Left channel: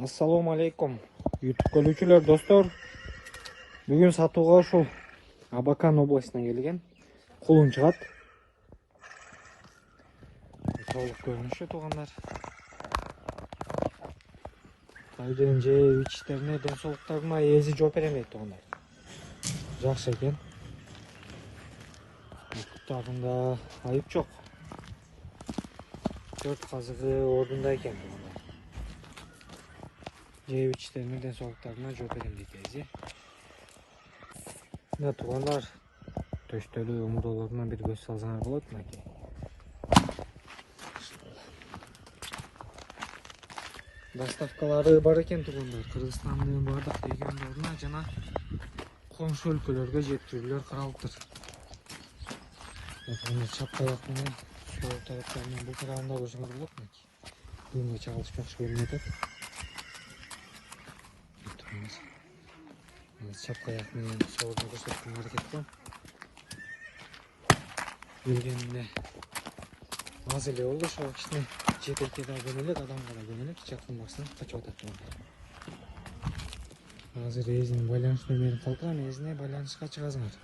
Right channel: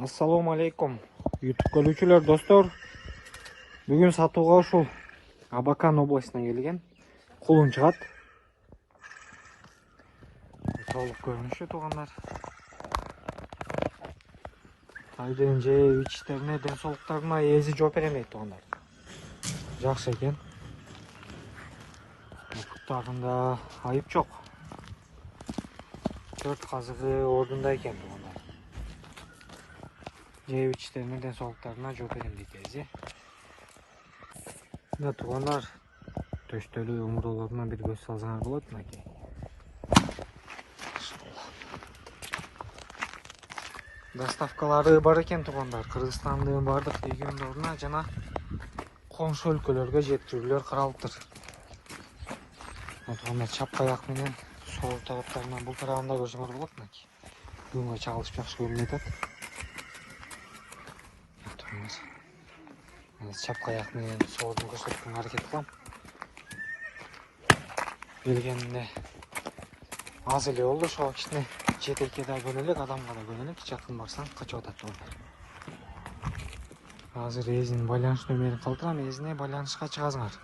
Assalomu alaykum YouTube ko'ruvchilar do'stlar. Bugun sotuvga ушул Абакан областынан kelgan qulun chiqat. Толук көрүнүшү тугандар. Айдын жеп ичтерине, ден соолуктарына эзи жооп берем дейт тугандар. Жакшы экен. Буттарында айып жок. 4 казыгы ордунда экен тугандар. Жеп ичтерине, ден соолуктарына жооп берем дейт эзи. Мына тугандар төштөлү омурдолоруна бир көз салсаңар болот мынакей. Доставкалары бар экен тугандар. Кыргызстандын бардык региондоруна жана коңшу өлкөлөргө жеткирүүлөр каралыптыр. Тугандар чапкаяк менен сол тараптарынан бул тарабында көрсөңөр болот мынакей. Буга чагылышып жакшы көрүнүп атат. Чапкаяк менен соордун көрсөткөнгө аракет кылам. Келгенде аз эле болду, ошого кичине жетекке да көнөлүк, адамга да көнөлүк, жакын барсаң качып атат тугандар. Азыр эзинин байланыш нөмерин калтырам, эзине байланышка чыгасыңар.